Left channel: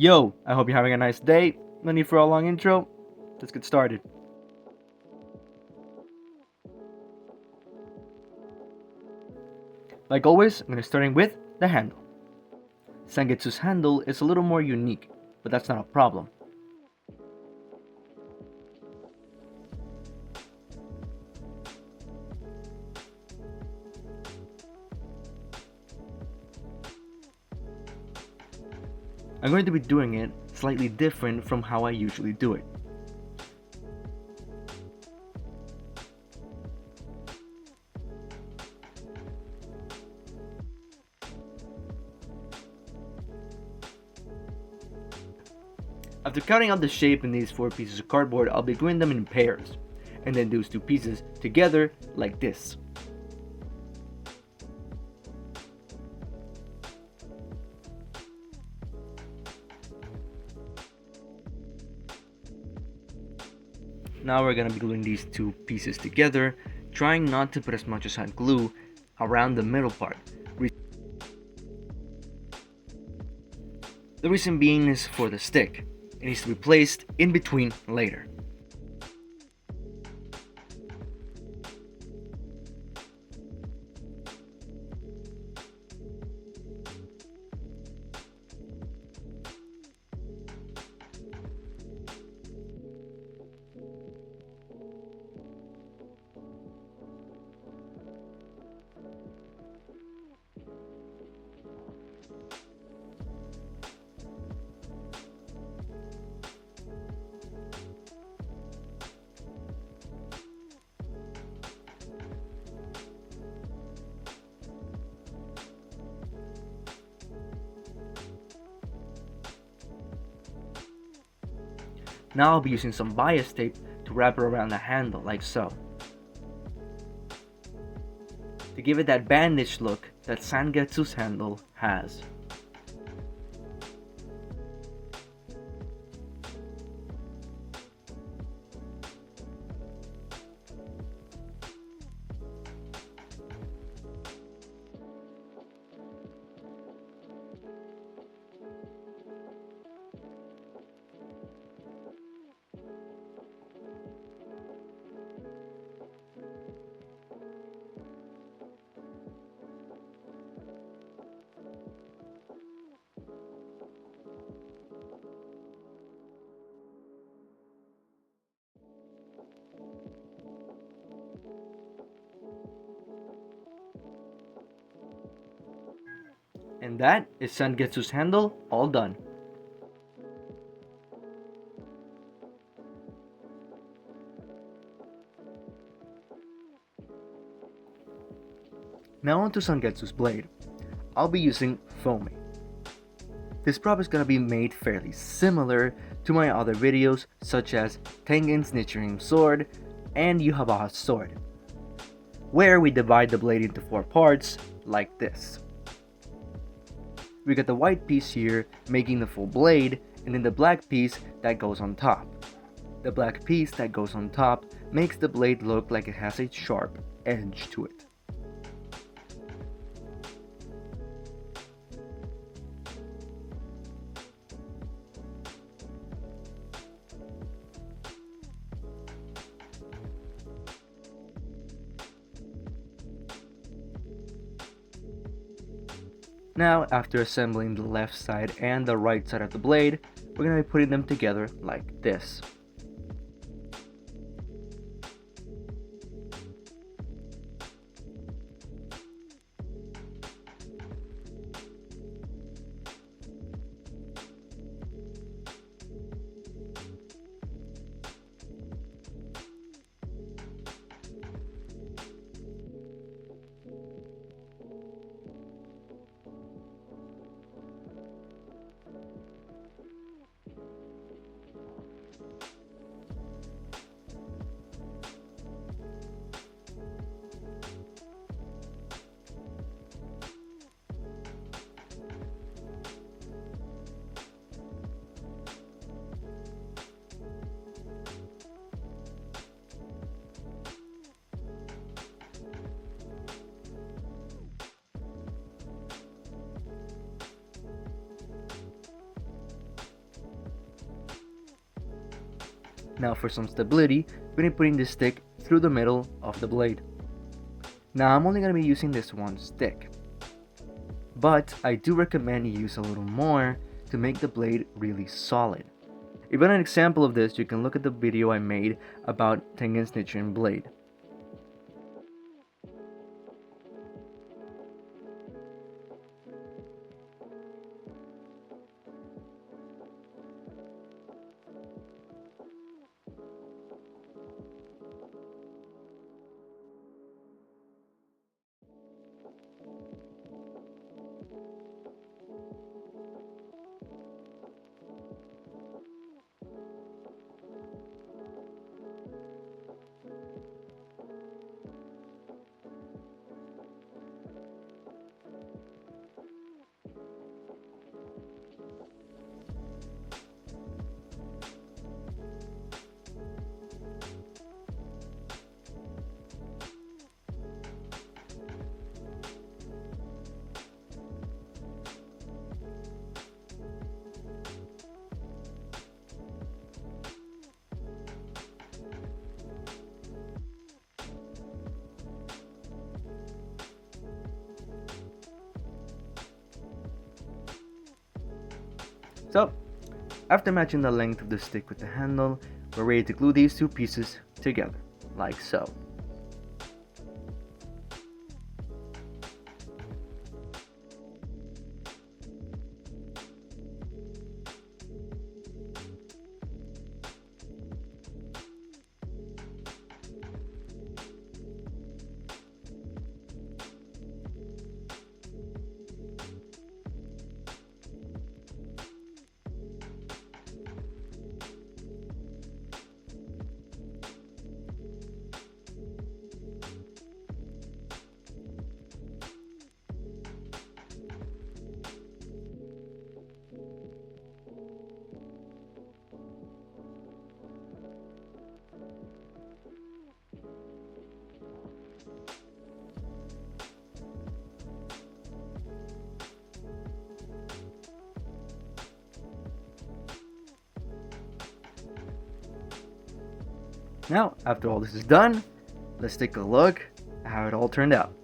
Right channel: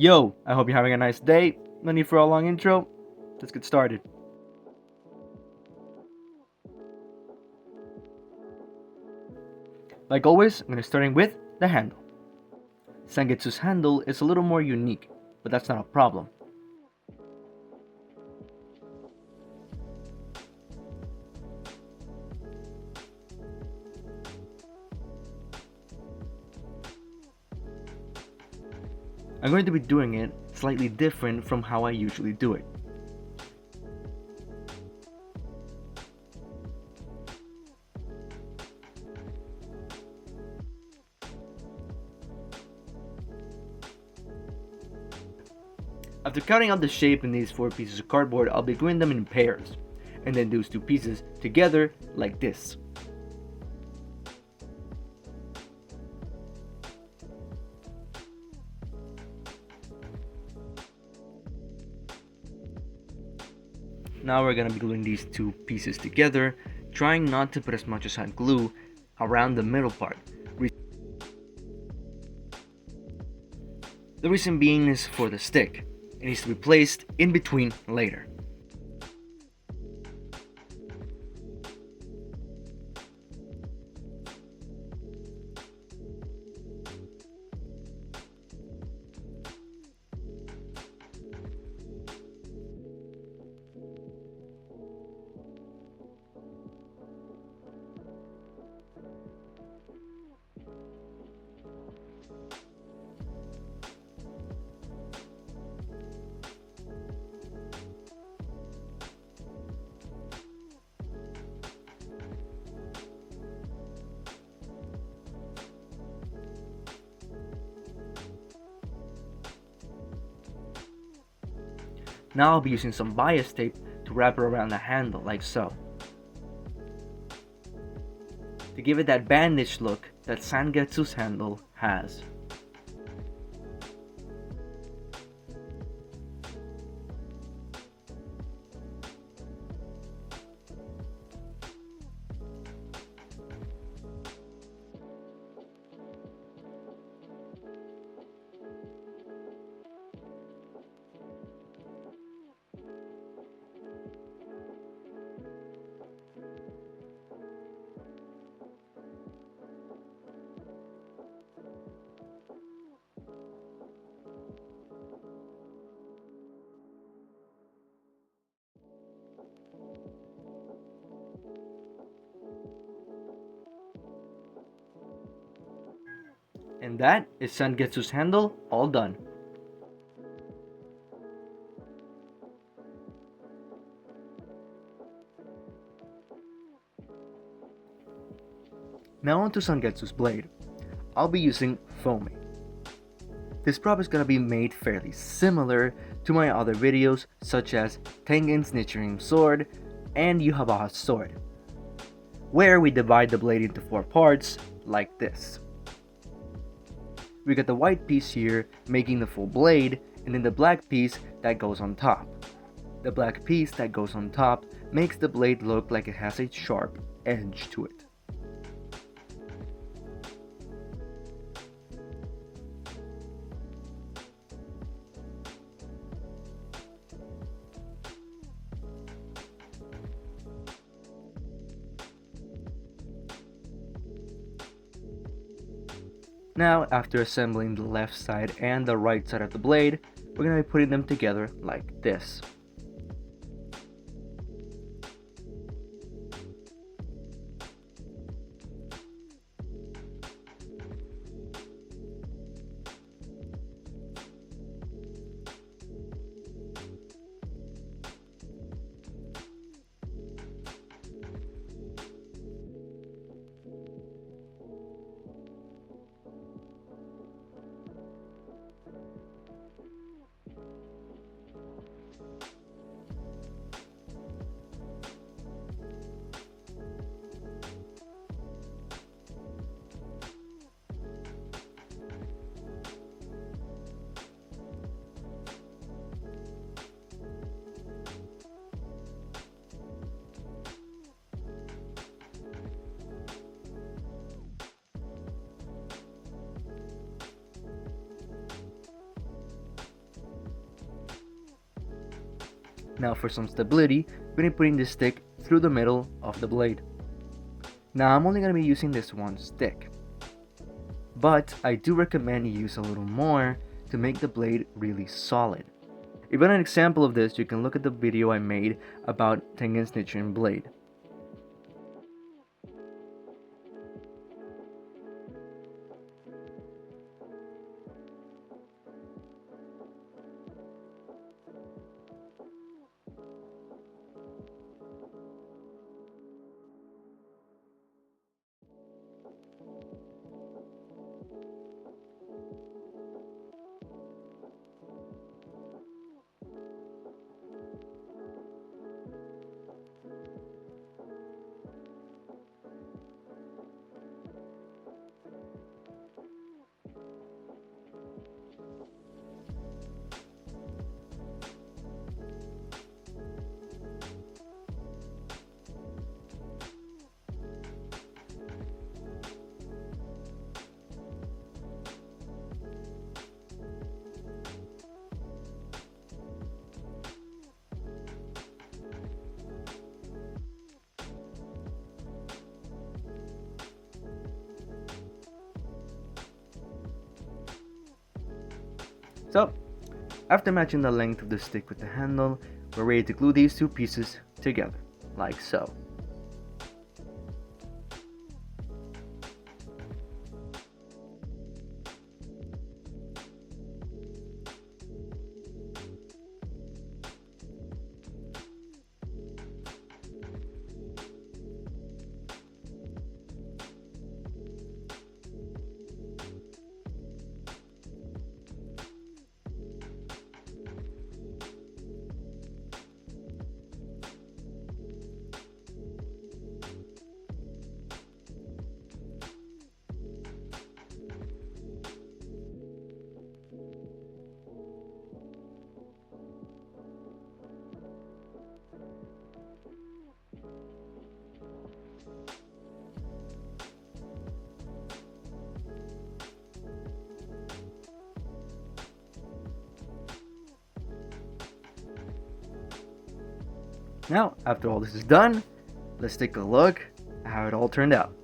Yo, I hope you're having a nice day. No need for a long intro. Let's get started. Like always, I'm going to starting with the handle. Zangetsu's handle is a little more unique, but that's not a problem. I'm going to be doing it slightly different from how I usually do it. After cutting out the shape in these 4 pieces of cardboard, I'll be gluing them in pairs, and then those 2 pieces together like this. Now we're gonna be gluing these 2 pieces together, trying not to put as much as hot glue around the middle part. The reason being is for the stick. It needs to be placed in between later. Now I'll be using some bias tape to wrap it around the handle like so, to give it that bandaged look that Zangetsu's handle has. And that is Zangetsu's handle all done. Now onto Zangetsu's blade. I'll be using foame. This prop is gonna be made fairly similar to my other videos such as Tengen's Nichirin sword and Yuhabaha's sword, where we divide the blade into 4 parts like this. We got the white piece here making the full blade, and then the black piece that goes on top. The black piece that goes on top makes the blade look like it has a sharp edge to it. Now, after assembling the left side and the right side of the blade, we're going to be putting them together like this. Now for some stability, we're going to be putting this stick through the middle of the blade. Now I'm only going to be using this one stick, but I do recommend you use a little more to make the blade really solid. If you want an example of this, you can look at the video I made about Tengen's Nichiren blade. So, after matching the length of the stick with the handle, we're ready to glue these two pieces together, like so. Now, after all this is done, let's take a look at how it all turned out.